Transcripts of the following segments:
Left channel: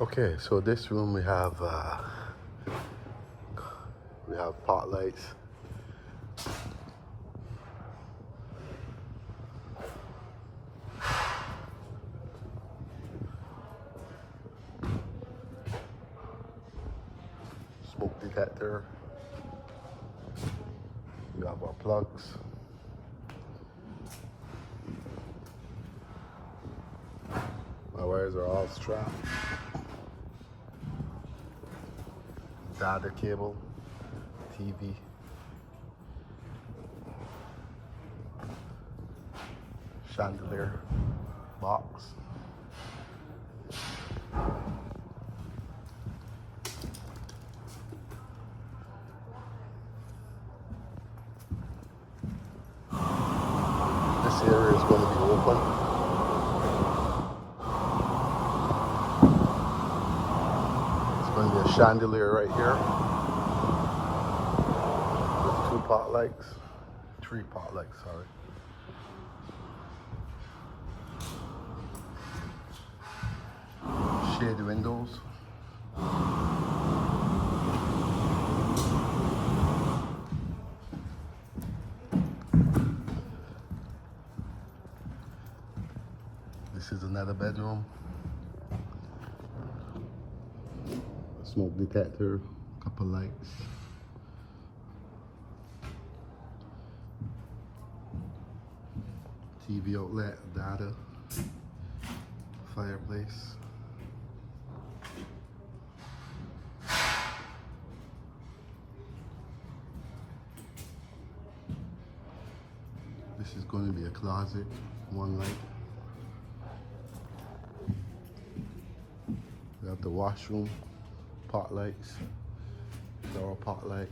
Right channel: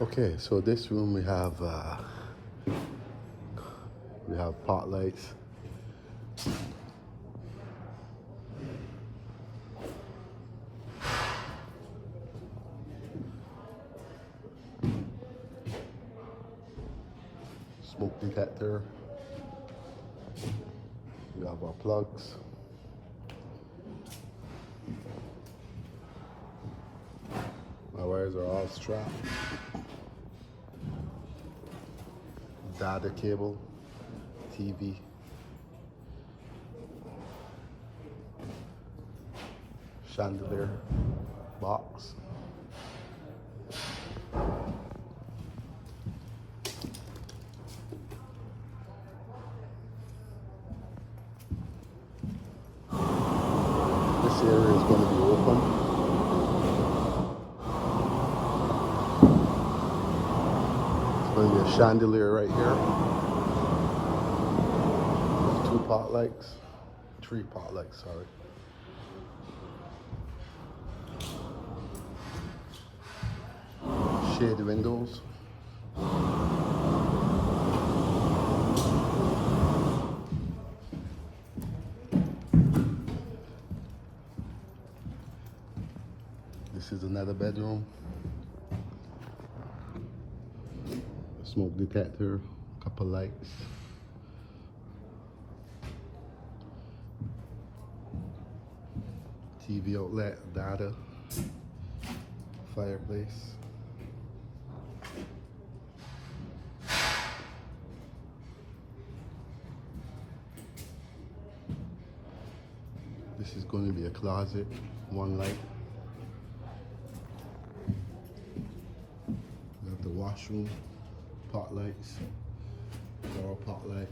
Okay, so this room we have pot lights. Smoke detector. We have our plugs. My wires are all strapped. Data cable, TV. Chandelier box. This area is going to be open. There's going to be a chandelier right here. 2 pot lights. 3 pot lights, sorry. Shaded windows. This is another bedroom. Smoke detector, couple lights. TV outlet, data, fireplace. This is going to be a closet, 1 light. We have the washroom, pot lights, door pot light,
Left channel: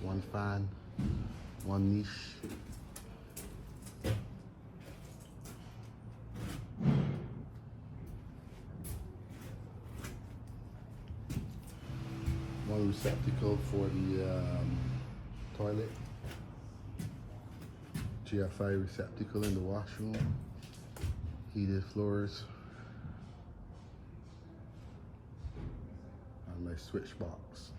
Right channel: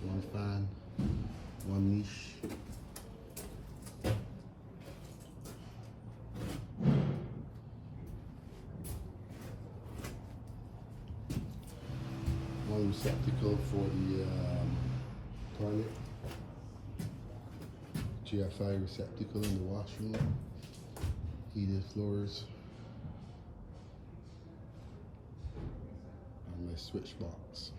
1 fan, 1 niche. One receptacle for the toilet. GFI receptacle in the washroom. Heated floors. And my switch box.